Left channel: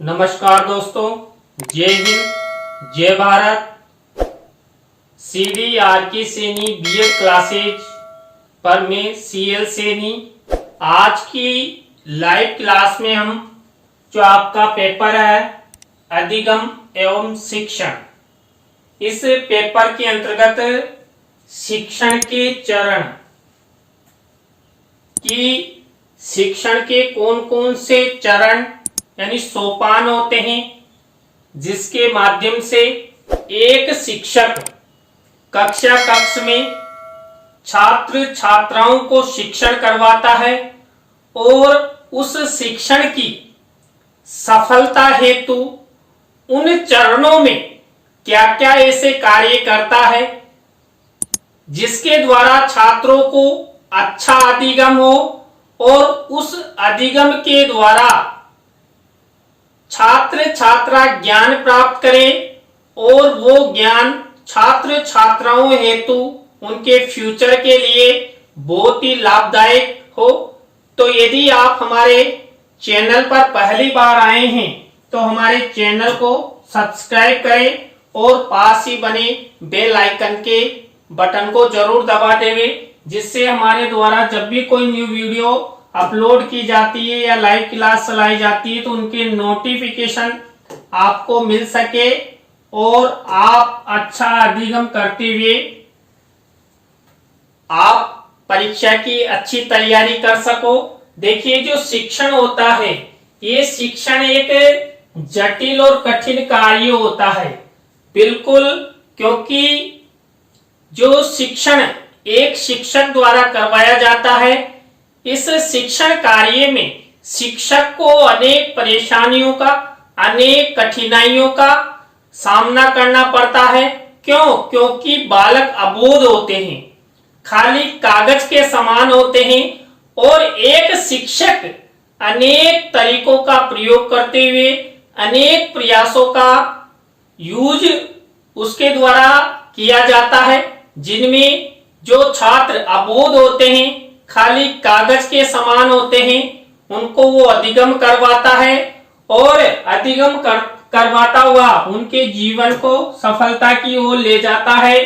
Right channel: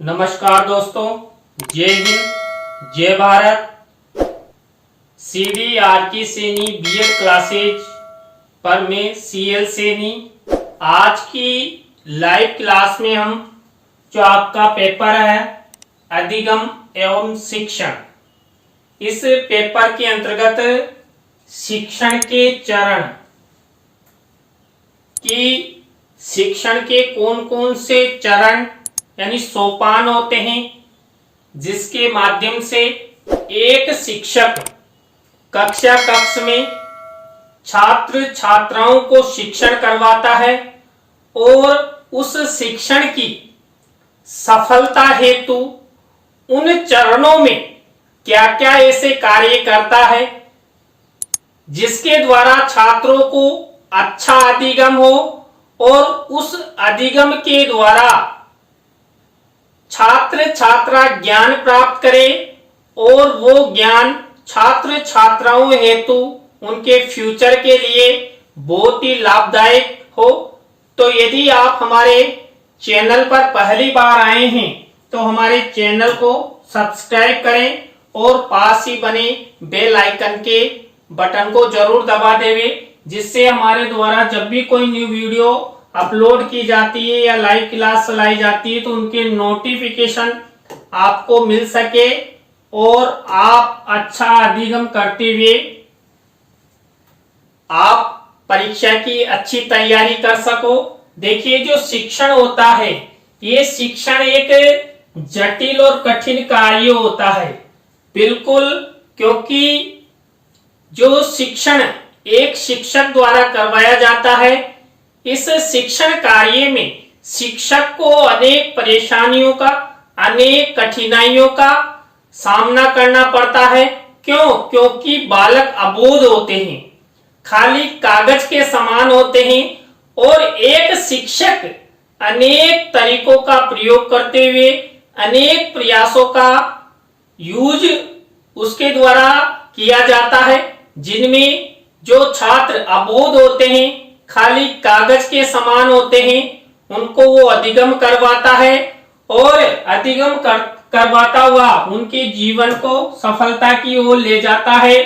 नमस्कार दोस्तों, जय हिंद, जय भारत। CDR की सैनी बीएड क्लासेज पर मैं CL सैनी। आज की लाइव क्लास में हम जो आपका पेपर है अधिगम एवं शिक्षण, इस पेपर के अंतर्गत शिक्षण के चरण की शिक्षण के कौन कौन से चरण यानी सोपान होते हैं जिसके माध्यम से एक शिक्षक कक्ष में छात्र छात्राओं को शिक्षण करवाता है और उस शिक्षण की सफलता हेतु उन चरणों में क्या क्या ऐसे कार्य करता है जिसके द्वारा छात्रों को अच्छा अधिगम हो और उस अधिगम के द्वारा छात्र छात्रा ज्ञान प्राप्त करें और वो ज्ञान छात्र छात्राओं हेतु उनके फ्यूचर के लिए बहुत ही लाभदायक हो। तो यदि आप हमारे चैनल पर पहली बार आए हैं तो हमारे चैनल को सब्सक्राइब करें और पास ही बने बेल आइकन के बटन को जरूर दबा देवें, जिससे हमारे द्वारा जब भी कोई न्यू वीडियो अपलोड की जाती है या लाइव क्लास चलाई जाती है तो उनके नोटिफिकेशन आपको मिल सके और आप अच्छा अधिगम करते हुए आप परीक्षा की अच्छी तैयारी कर सको। देखिए, जो शिक्षण होता है ये शिक्षण एक जटिल और कठिन कार्य होता है, बिल्कुल, क्योंकि जो शिक्षण एक शिक्षक द्वारा करवाया जाता है, इस शिक्षण कार्य में शिक्षक को अनेक परेशानियों का, अनेक कठिनाइयों का सामना करना पड़ता है। क्योंकि बालक अबोध होते हैं, खाली कागज के समान होते हैं और एक शिक्षक अनेक तरीकों का प्रयोग करते हुए अनेक प्रयासों का यूज उसके द्वारा किया जाता है, जिनमें जो छात्र अबोध होते हैं, खाली कागज के समान होते हैं, उनको वो अधिगम करवाता है और अधिगम करवाता हुआ उनके जीवन को सफलता की ओर ले जाता है।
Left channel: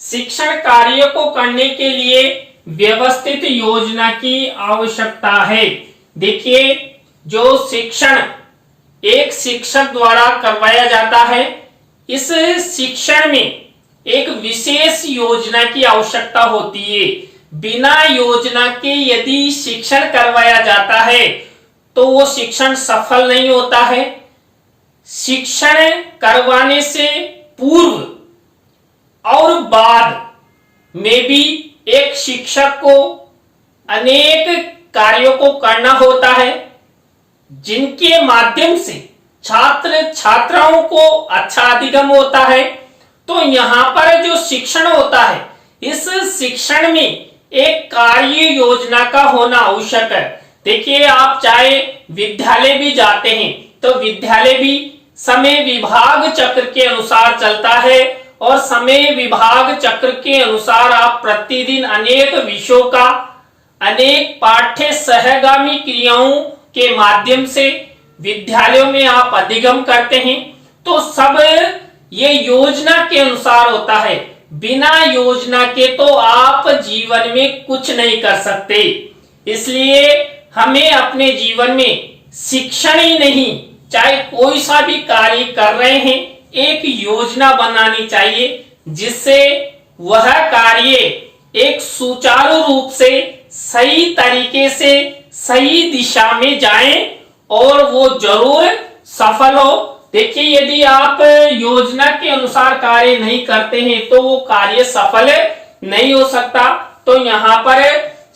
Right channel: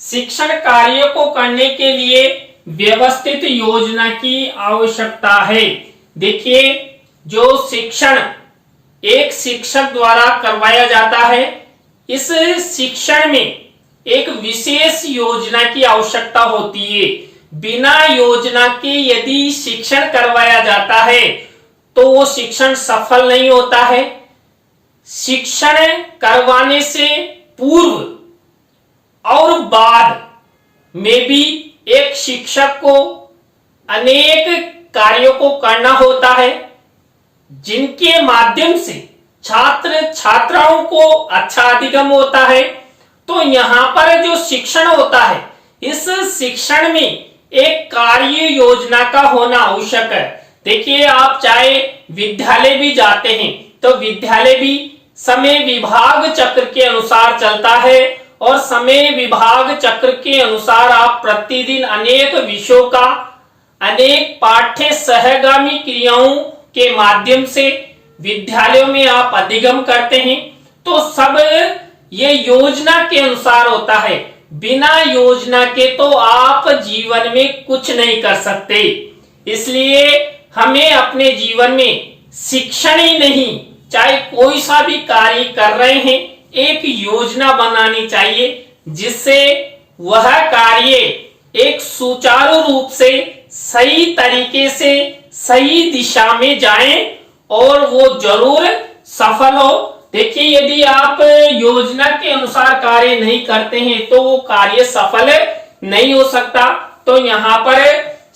शिक्षण कार्य को करने के लिए व्यवस्थित योजना की आवश्यकता है। देखिए, जो शिक्षण एक शिक्षक द्वारा करवाया जाता है, इस शिक्षण में एक विशेष योजना की आवश्यकता होती है। बिना योजना के यदि शिक्षण करवाया जाता है तो वो शिक्षण सफल नहीं होता है। शिक्षण करवाने से पूर्व और बाद में भी एक शिक्षक को अनेक कार्यों को करना होता है, जिनके माध्यम से छात्र छात्राओं को अच्छा अधिगम होता है। तो यहाँ पर जो शिक्षण होता है, इस शिक्षण में एक कार्य योजना का होना आवश्यक है। देखिए, आप चाहे विद्यालय भी जाते हैं तो विद्यालय भी समय विभाग चक्र के अनुसार चलता है और समय विभाग चक्र के अनुसार आप प्रतिदिन अनेक विषयों का, अनेक पाठ्य सहगामी क्रियाओं के माध्यम से विद्यालयों में आप अधिगम करते हैं। तो सब ये योजना के अनुसार होता है। बिना योजना के तो आप जीवन में कुछ नहीं कर सकते। इसलिए हमें अपने जीवन में शिक्षण ही नहीं, चाहे कोई सा भी कार्य कर रहे हैं, एक योजना बनानी चाहिए, जिससे वह कार्य एक सुचारू रूप से सही तरीके से सही दिशा में जाए और वो जरूर सफल हो। देखिए, यदि आप योजना के अनुसार कार्य नहीं करते हैं तो वो कार्य सफल नहीं हो सकता। तो यहाँ पर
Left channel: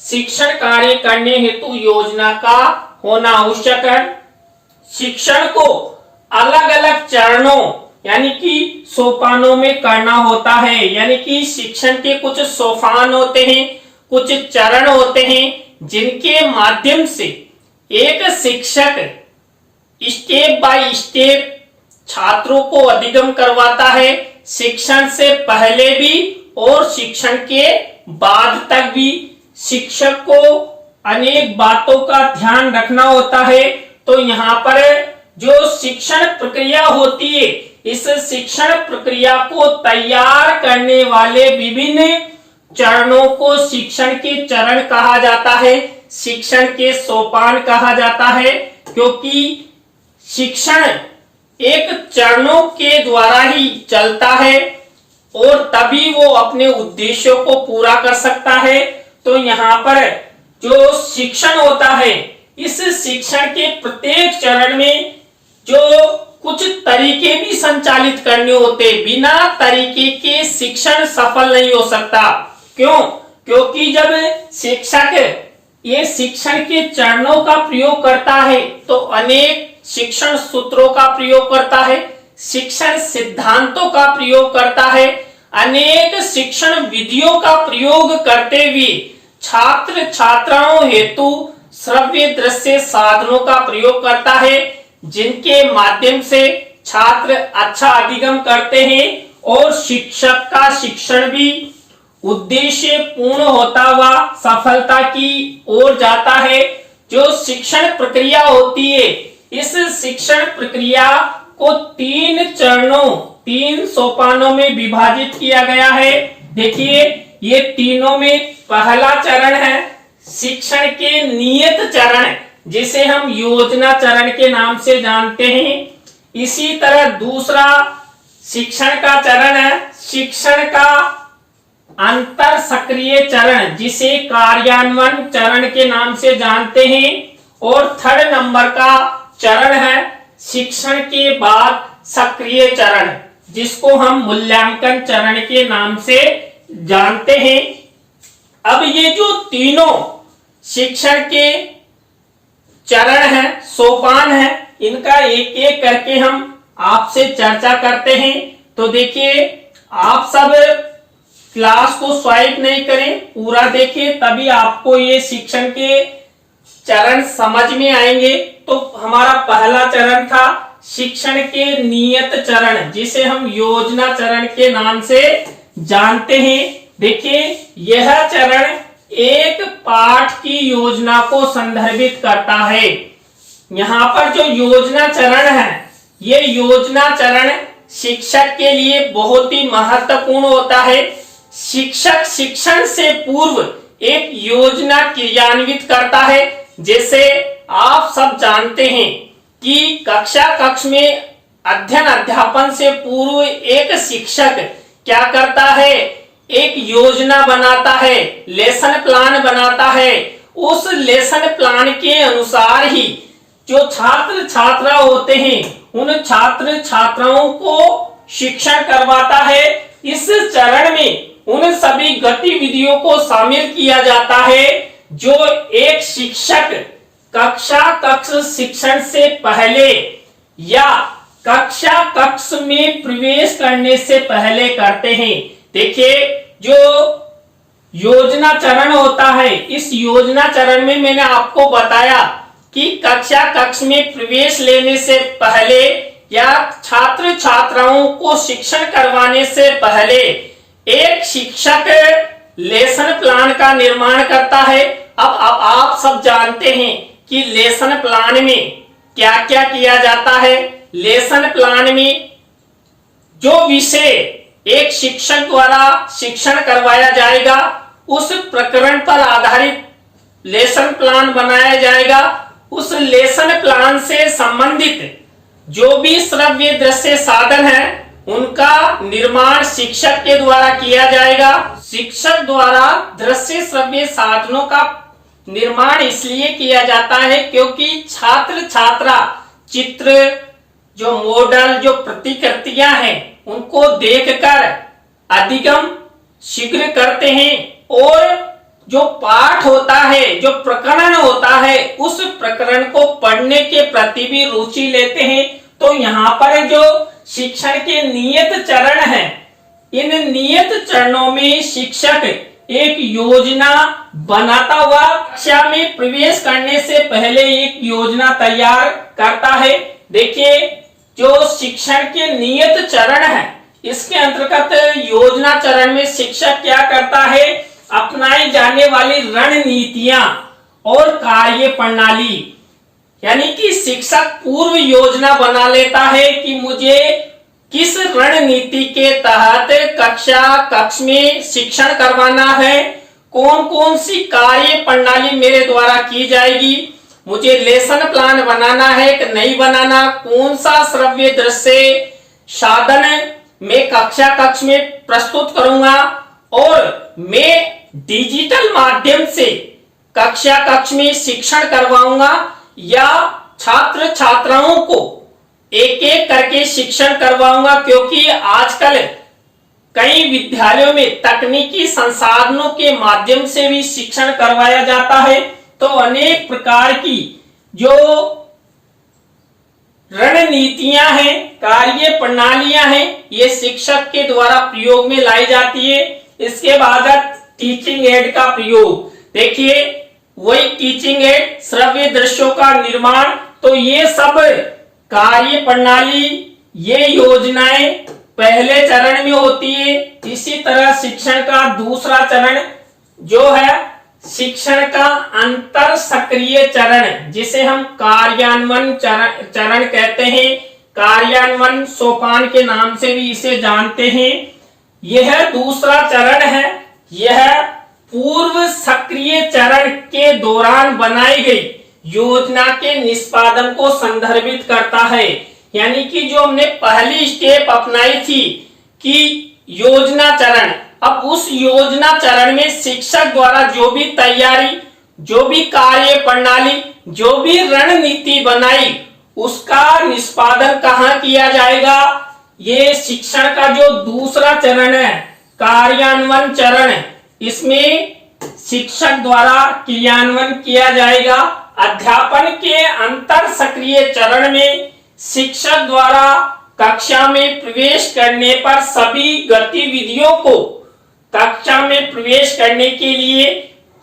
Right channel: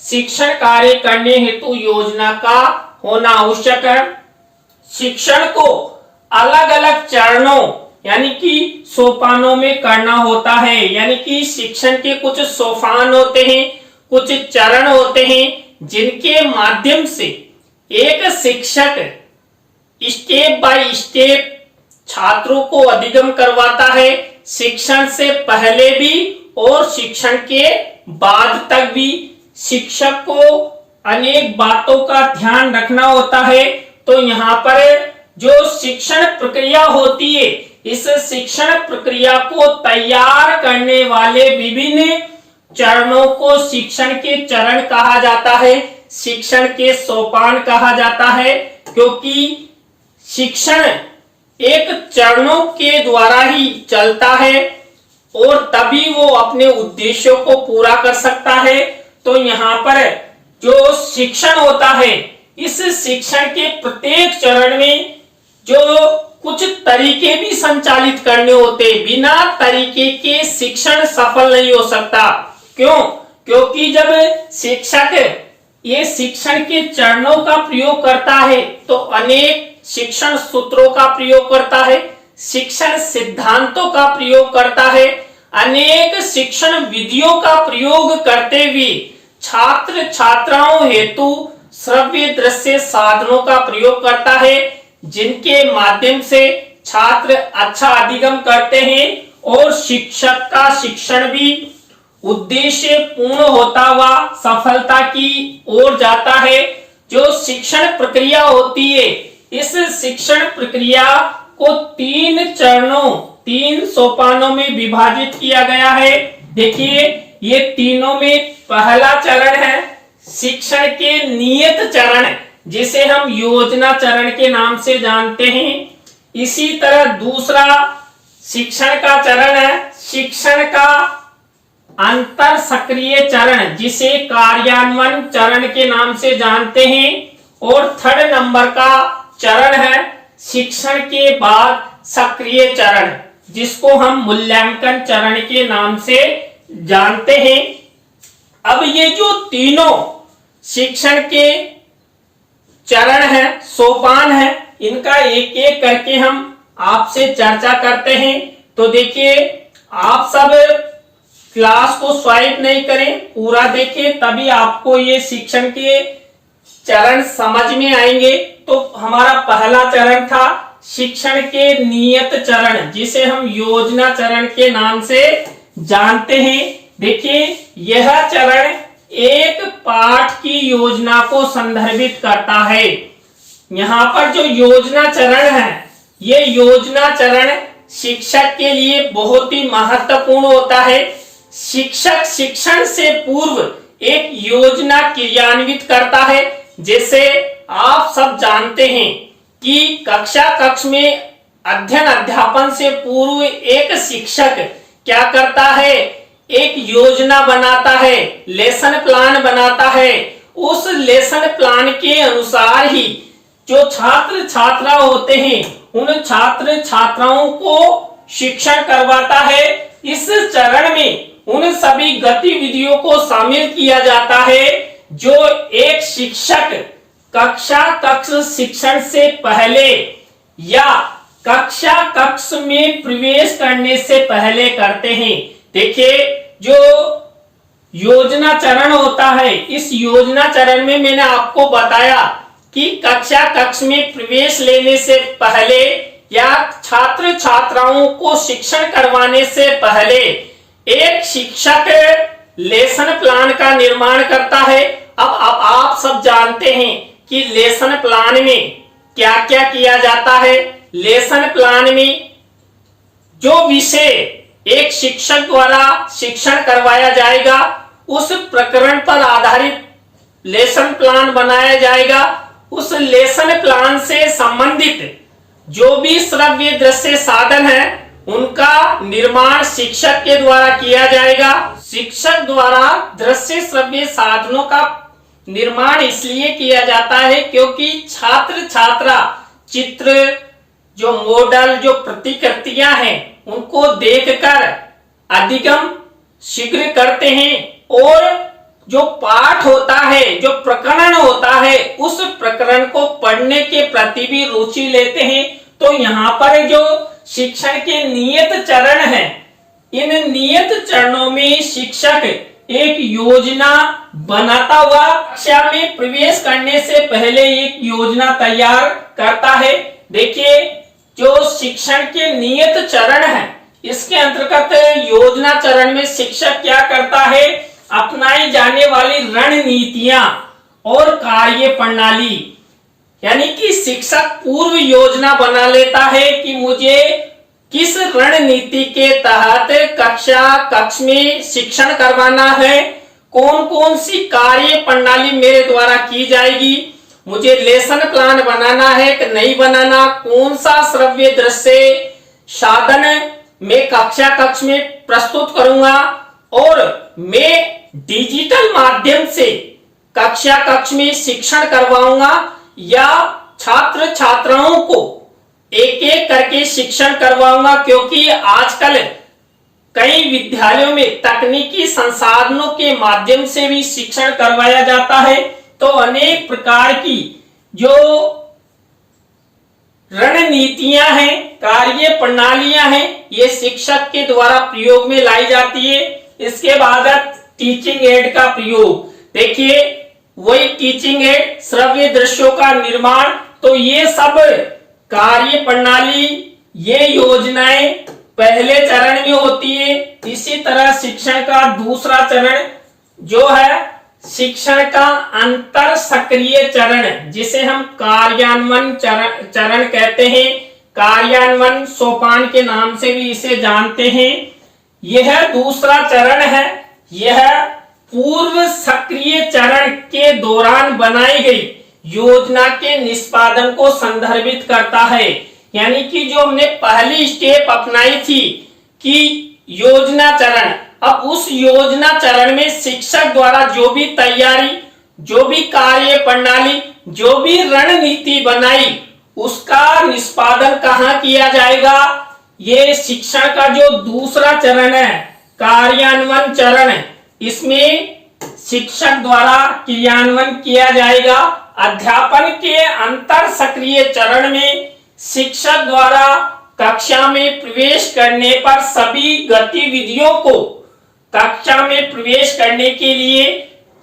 शिक्षण कार्य करने हेतु योजना का होना आवश्यक है। शिक्षण को अलग अलग चरणों यानी कि सोपानों में करना होता है, यानी कि शिक्षण के कुछ सोपान होते हैं, कुछ चरण होते हैं, जिनके माध्यम से एक शिक्षक स्टेप बाय स्टेप छात्रों को अधिगम करवाता है। शिक्षण से पहले भी और शिक्षण के बाद तक भी शिक्षक को अनेक बातों का ध्यान रखना होता है। तो यहाँ पर जो शिक्षण प्रक्रिया होती है, इस शिक्षण प्रक्रिया को तैयार करने वाले विभिन्न चरणों को शिक्षण के चरण कहा जाता है, शिक्षण के सोपान कहा जाता है। क्योंकि शिक्षण एक चरणों के द्वारा ही चलता है और तभी वो अपने उद्देश्यों को पूरा कर सकता है। तो यहाँ पर जो शिक्षण होता है, इस शिक्षण के प्रत्येक चरण में जो कुछ तरीके भी संचालित करने होते, बिना तरीके के शिक्षण सफल नहीं हो सकता। क्यों? क्योंकि जब शिक्षक ये शिक्षण के चरणों का प्रयोग करता है तो अनेक शिक्षण सूत्रों का प्रयोग करता है, शिक्षण सिद्धांतों का प्रयोग करता है, अनेक शिक्षण विधियों का प्रयोग करते हुए छात्र छात्राओं हेतु श्रव्य दृश्य साधनों का प्रयोग करता है, जिनके माध्यम से छात्र अच्छा अधिगम करते हैं और शिक्षक का शिक्षण भी उद्देश्य पूर्ण होता हुआ सफलता की ओर जाता है। जो शिक्षण प्रक्रिया होती है, इस शिक्षण प्रक्रिया को 3 चरणों 3 सोपानों में विभाजित किया गया है। देखिए, ये तीनों में पहला चरण है शिक्षण के नियत चरण, जिसे हम योजना चरण के नाम से जानते हैं। इसी तरह दूसरा शिक्षण का चरण है शिक्षण का अंतर सक्रिय चरण, जिसे कार्यान्वयन चरण के नाम से जानते हैं। और 3rd नंबर का चरण है शिक्षण के बाद सक्रिय चरण, जिसको हम मूल्यांकन चरण के नाम से जानते हैं। अब ये जो तीनों शिक्षण के चरण है, सोपान है, इनका एक एक करके हम आपसे चर्चा करते हैं। तो देखिए, आप सब क्लास को स्वाइप नहीं करें, पूरा देखिए, तभी आपको ये शिक्षण के चरण समझ में आएंगे। तो हमारा पहला चरण था शिक्षण के नियत चरण, जिसे हम योजना चरण के नाम से जानते हैं। देखिए, यह चरण एक पाठ की योजना को संदर्भित करता है। यहाँ पर जो योजना चरण है, ये योजना चरण शिक्षक के लिए बहुत ही महत्वपूर्ण होता है। शिक्षक शिक्षण से पूर्व एक योजना क्रियान्वित करता है। जैसे आप सब जानते हैं कि कक्ष में अध्ययन अध्यापन से पूर्व एक शिक्षक क्या करता है, एक योजना बनाता है, लेसन प्लान बनाता है। उस लेसन प्लान के अनुसार ही जो छात्र छात्रा होते हैं, उन छात्र छात्राओं को शिक्षण करवाता है। इस चरण में उन सभी गतिविधियों को शामिल किया जाता है जो एक शिक्षक कक्ष शिक्षण से पहले या कक्ष में प्रवेश करने से पहले करते हैं। देखिए, जो योजना चरण होता है, इस योजना चरण में मैंने आपको बताया कि कक्ष में प्रवेश लेने से पहले या छात्र छात्राओं को शिक्षण करवाने से पहले एक शिक्षक लेसन प्लान का निर्माण करता है। अब आप सब जानते हैं कि लेसन प्लान में क्या क्या किया जाता है। लेसन प्लान में जो विषय एक शिक्षक द्वारा शिक्षण करवाया जाएगा, उस प्रकरण पर आधारित लेसन प्लान बनाया जाएगा। उस लेसन प्लान से संबंधित जो भी श्रव्य दृश्य साधन है, उनका निर्माण शिक्षक के द्वारा किया जाएगा। शिक्षक द्वारा दृश्य श्रव्य साधनों का निर्माण इसलिए किया जाता है क्योंकि छात्र छात्रा चित्र, जो मॉडल, जो प्रतिकृतियां हैं, उनको देखकर अधिगम शीघ्र करते हैं और जो पाठ होता है, जो प्रकरण होता है, उस प्रकरण को पढ़ने के प्रति भी रुचि लेते हैं। तो यहाँ पर जो शिक्षण के नियत चरण हैं, इन नियत चरणों में शिक्षक एक योजना बनाता हुआ कक्षा में प्रवेश करने से पहले एक योजना तैयार करता है। देखिए, जो शिक्षण के नियत चरण है, इसके अंतर्गत योजना चरण में शिक्षक क्या करता है, अपनाई जाने वाली रणनीतियां और कार्य प्रणाली, यानी कि शिक्षक पूर्व योजना बना लेता है कि मुझे किस रणनीति के तहत कक्ष में शिक्षण करवाना है, कौन कौन सी कार्य प्रणाली मेरे द्वारा की जाएगी, मुझे लेसन प्लान बनाना है कि नहीं बनाना, कौन सा श्रव्य दृश्य साधन मैं कक्ष में प्रस्तुत करूंगा और मैं डिजिटल माध्यम से कक्ष में शिक्षण करवाऊंगा या छात्र छात्राओं को एक एक करके शिक्षण करवाऊंगा, क्योंकि आजकल कई विद्यालयों में तकनीकी संसाधनों के माध्यम से भी शिक्षण करवाया जाता है। तो अनेक प्रकार की जो रणनीतियां हैं, कार्य प्रणालियां हैं, ये शिक्षक के द्वारा प्रयोग में लाई जाती है। इसके बाद टीचिंग एड का प्रयोग, देखिए वही टीचिंग एड, श्रव्य दृश्यों का निर्माण, तो ये सब कार्य प्रणाली, ये योजनाएं पहले चरण में होती है। इसी तरह शिक्षण का दूसरा चरण जो है शिक्षण का अंतर सक्रिय चरण, जिसे हम कार्यान्वयन चरण कहते हैं, कार्यान्वयन सोपान के नाम से भी इसे जानते हैं। यह दूसरा चरण है। यह पूर्व सक्रिय चरण के दौरान बनाई गई योजना के निष्पादन को संदर्भित करता है। यानी कि जो हमने पहली स्टेप अपनाई थी कि योजना चरण, अब उस योजना चरण में शिक्षक द्वारा जो भी तैयारी, जो भी कार्य प्रणाली, जो भी रणनीति बनाई, उसका निष्पादन कहाँ किया जाएगा? ये शिक्षण का जो दूसरा चरण है, कार्यान्वयन चरण, इसमें शिक्षक द्वारा क्रियान्वयन किया जाएगा। अध्यापन के अंतर सक्रिय चरण में शिक्षक द्वारा कक्षा में प्रवेश करने पर सभी गतिविधियों को कक्षा में प्रवेश करने के लिए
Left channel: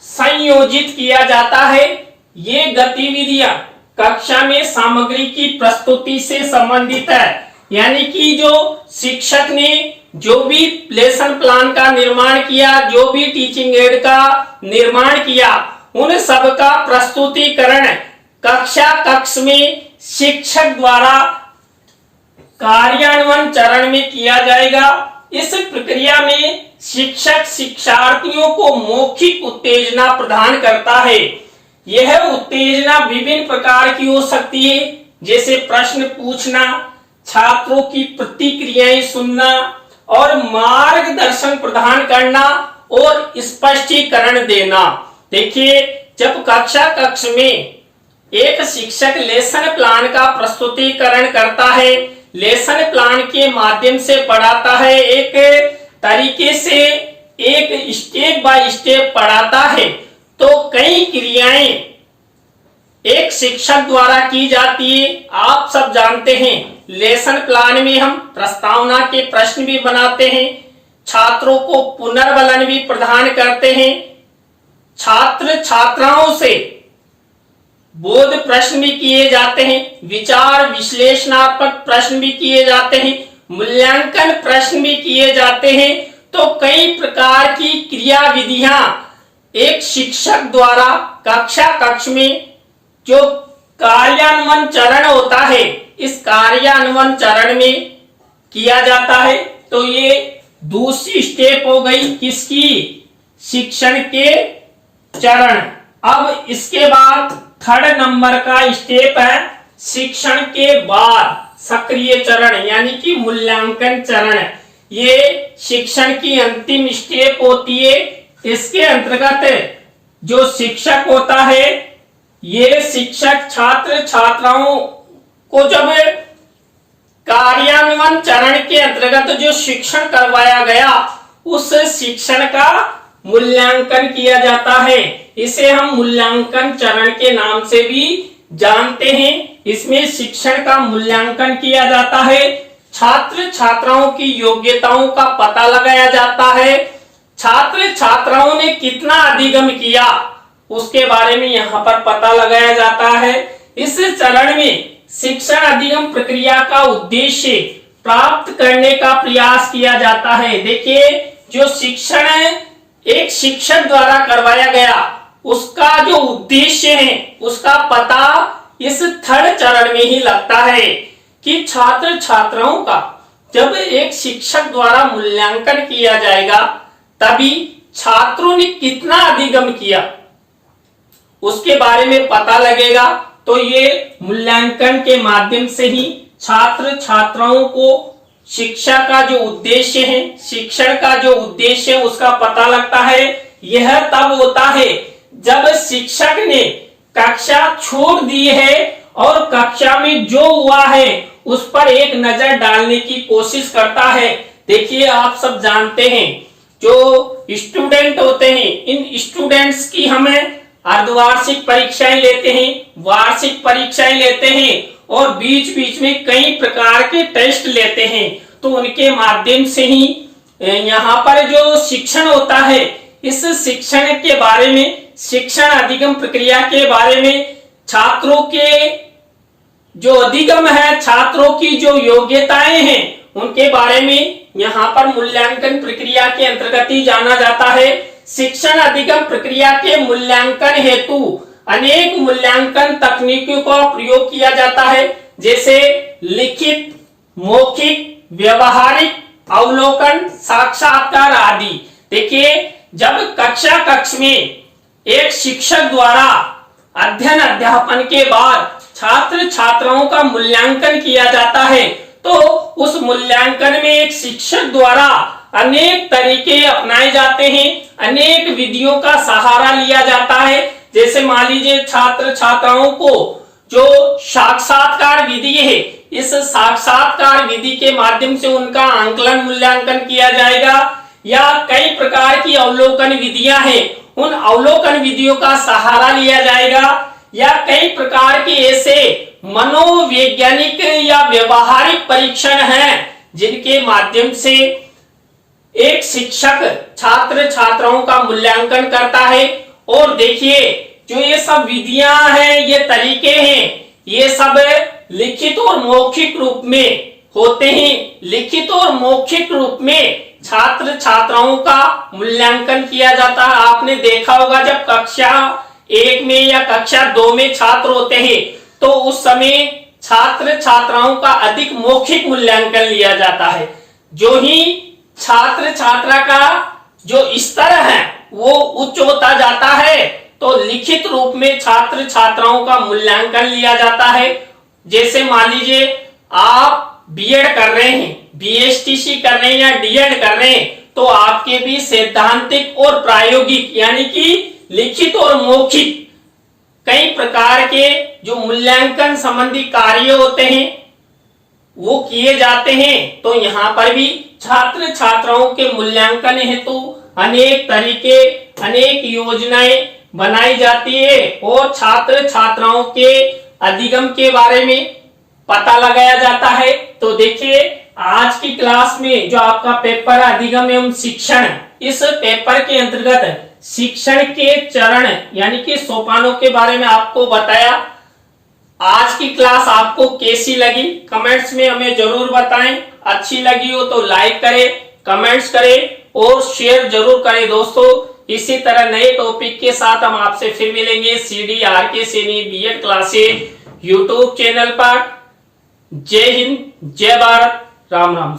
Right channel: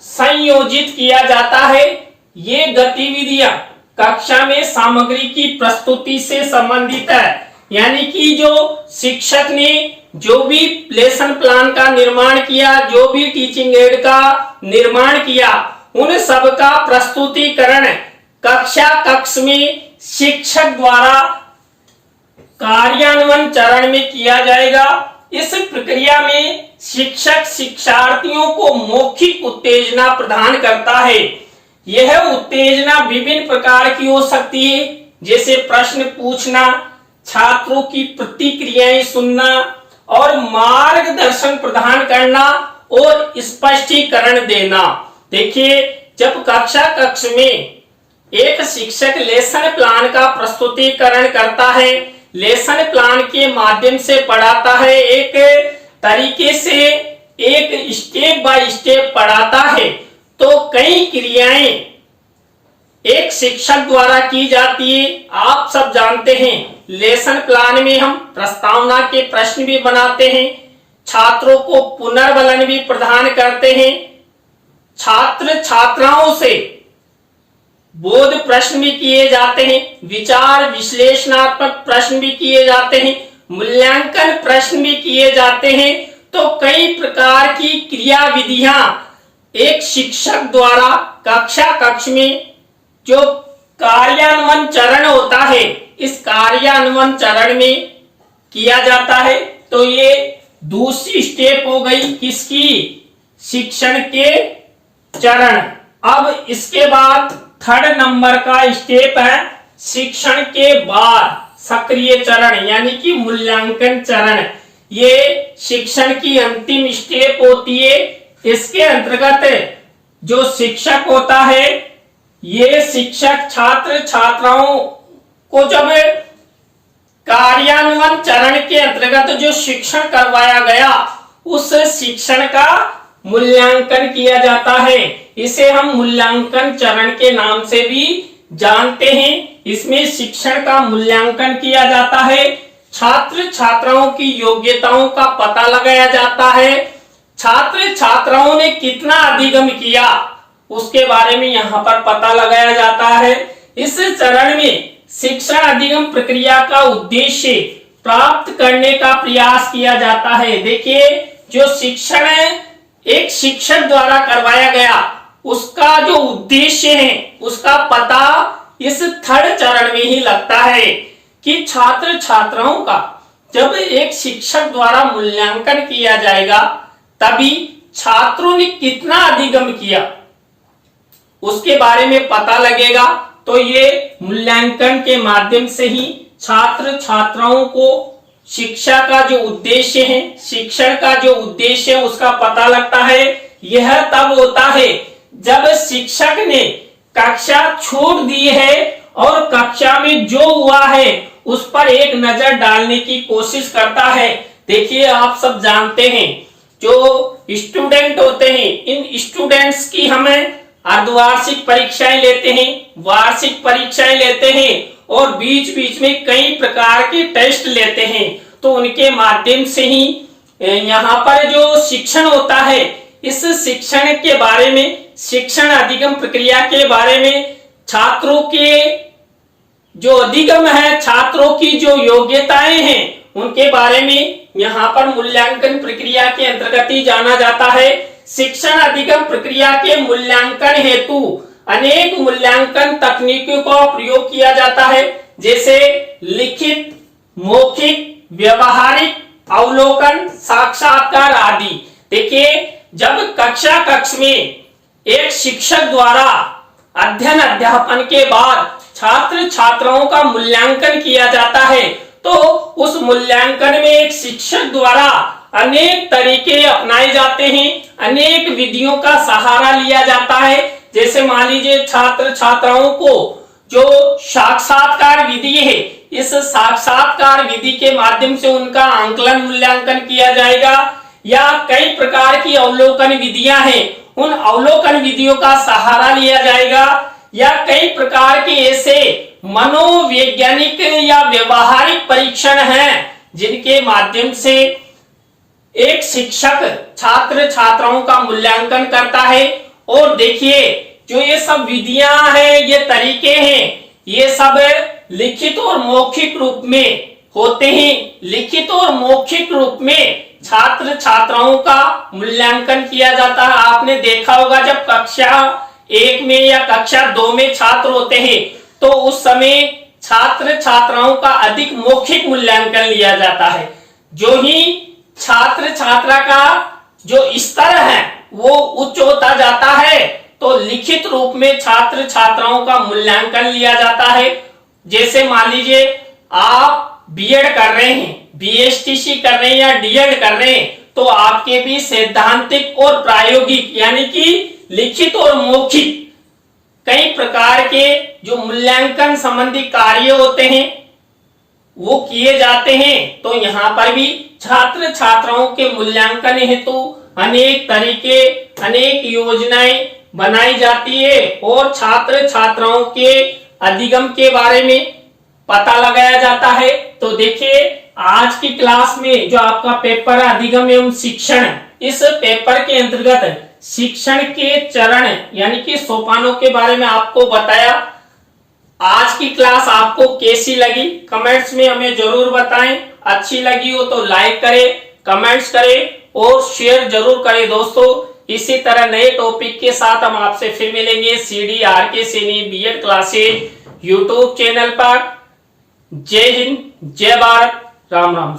संयोजित किया जाता है। ये गतिविधियां कक्षा में सामग्री की प्रस्तुति से संबंधित है। यानी कि जो शिक्षक ने जो भी लेसन प्लान का निर्माण किया, जो भी टीचिंग एड का निर्माण किया, उन सब का प्रस्तुतिकरण कक्ष में शिक्षक द्वारा कार्यान्वयन चरण में किया जाएगा। इस प्रक्रिया में शिक्षक शिक्षार्थियों को मौखिक उत्तेजना प्रदान करता है। यह उत्तेजना विभिन्न प्रकार की हो सकती है, जैसे प्रश्न पूछना, छात्रों की प्रतिक्रियाएं सुनना और मार्गदर्शन प्रदान करना और स्पष्टीकरण देना। देखिए, जब कक्ष में एक शिक्षक लेसन प्लान का प्रस्तुतिकरण करता है, लेसन प्लान के माध्यम से पढ़ाता है, एक तरीके से एक स्टेप बाय स्टेप पढ़ाता है, तो कई क्रियाएं एक शिक्षक द्वारा की जाती है। आप सब जानते हैं, लेसन प्लान में हम प्रस्तावना के प्रश्न भी बनाते हैं, छात्रों को पुनर्बलन भी प्रदान करते हैं, छात्र छात्राओं से बोध प्रश्न भी किए जाते हैं, विचार विश्लेषणात्मक प्रश्न भी किए जाते हैं, मूल्यांकन प्रश्न भी किए जाते हैं। तो कई प्रकार की क्रियाविधियां एक शिक्षक द्वारा कक्ष में जो कार्यान्वयन चरण होता है, इस कार्यान्वयन चरण में किया जाता है। तो ये दूसरी स्टेप हो गई किसकी? शिक्षण के चरण। अब इसके बाद थर्ड नंबर का स्टेप है शिक्षण के बाद सक्रिय चरण, यानी कि मूल्यांकन चरण। ये शिक्षण की अंतिम स्टेप होती है। इसके अंतर्गत जो शिक्षक होता है, ये शिक्षक छात्र छात्राओं को जब कार्यान्वयन चरण के अंतर्गत जो शिक्षण करवाया गया, उस शिक्षण का मूल्यांकन किया जाता है। इसे हम मूल्यांकन चरण के नाम से भी जानते हैं। इसमें शिक्षण का मूल्यांकन किया जाता है, छात्र छात्राओं की योग्यताओं का पता लगाया जाता है, छात्र छात्राओं ने कितना अधिगम किया उसके बारे में यहाँ पर पता लगाया जाता है। इस चरण में शिक्षण अधिगम प्रक्रिया का उद्देश्य प्राप्त करने का प्रयास किया जाता है। देखिए, जो शिक्षण एक शिक्षक द्वारा करवाया गया, उसका जो उद्देश्य है, उसका पता इस थर्ड चरण में ही लगता है कि छात्र छात्राओं का जब एक शिक्षक द्वारा मूल्यांकन किया जाएगा तभी छात्रों ने कितना अधिगम किया उसके बारे में पता लगेगा। तो ये मूल्यांकन के माध्यम से ही छात्र छात्राओं को शिक्षा का जो उद्देश्य है, शिक्षण का जो उद्देश्य है उसका पता लगता है। यह तब होता है जब शिक्षक ने कक्षा छोड़ दी है और कक्षा में जो हुआ है उस पर एक नजर डालने की कोशिश करता है। देखिए, आप सब जानते हैं जो स्टूडेंट होते हैं, इन स्टूडेंट्स की हमें अर्धवार्षिक परीक्षाएं लेते हैं, वार्षिक परीक्षाएं लेते हैं और बीच बीच में कई प्रकार के टेस्ट लेते हैं। तो उनके माध्यम से ही यहाँ पर जो शिक्षण होता है, इस शिक्षण के बारे में, शिक्षण अधिगम प्रक्रिया के बारे में, छात्रों के जो अधिगम है, छात्रों की जो योग्यताएं हैं उनके बारे में यहाँ पर मूल्यांकन प्रक्रिया के अंतर्गत ही जाना जाता है। शिक्षण अधिगम प्रक्रिया के मूल्यांकन हेतु अनेक मूल्यांकन तकनीकों का प्रयोग किया जाता है, जैसे लिखित, मौखिक, व्यवहारिक, अवलोकन, साक्षात्कार आदि। देखिए, जब कक्ष में एक शिक्षक द्वारा अध्ययन अध्यापन के बाद छात्र छात्राओं का मूल्यांकन किया जाता है तो उस मूल्यांकन में एक शिक्षक द्वारा अनेक तरीके अपनाए जाते हैं, अनेक विधियों का सहारा लिया जाता है। जैसे मान लीजिए छात्र छात्राओं को जो साक्षात्कार विधि है, इस साक्षात्कार विधि के माध्यम से उनका आंकलन मूल्यांकन किया जाएगा, या कई प्रकार की अवलोकन विधियां हैं, उन अवलोकन विधियों का सहारा लिया जाएगा, या कई प्रकार के ऐसे मनोवैज्ञानिक या व्यवहारिक परीक्षण हैं जिनके माध्यम से एक शिक्षक छात्र छात्राओं का मूल्यांकन करता है। और देखिए, जो ये सब विधियां हैं, ये तरीके हैं, ये सब लिखित और मौखिक रूप में होते हैं। लिखित और मौखिक रूप में छात्र छात्राओं का मूल्यांकन किया जाता है। आपने देखा होगा जब कक्षा 1 में या कक्षा 2 में छात्र होते हैं तो उस समय छात्र छात्राओं का अधिक मौखिक मूल्यांकन लिया जाता है। जो ही छात्र छात्रा का जो स्तर है वो उच्च होता जाता है तो लिखित रूप में छात्र छात्राओं का मूल्यांकन लिया जाता है। जैसे मान लीजिए आप बीएड कर रहे हैं, बीएसटीसी कर रहे हैं या डीएड कर रहे हैं, तो आपके भी सैद्धांतिक और प्रायोगिक यानी कि लिखित और मौखिक कई प्रकार के जो मूल्यांकन संबंधी कार्य होते हैं वो किए जाते हैं। तो यहाँ पर भी छात्र छात्राओं के मूल्यांकन हेतु अनेक तरीके, अनेक योजनाएं बनाई जाती है और छात्र छात्राओं के अधिगम के बारे में पता लगाया जाता है। तो देखिए, आज की क्लास में जो आपका पेपर है अधिगम एवं शिक्षण, इस पेपर के अंतर्गत शिक्षण के चरण यानी कि सोपानों के बारे में आपको बताया। आज की क्लास आपको कैसी लगी कमेंट्स में हमें जरूर बताएं। अच्छी लगी हो तो लाइक करें, कमेंट्स करें और शेयर जरूर करें दोस्तों। इसी तरह नए टॉपिक के साथ हम आपसे फिर मिलेंगे CDRK Saini B Ed classes YouTube channel पर। जय हिंद, जय भारत, राम राम।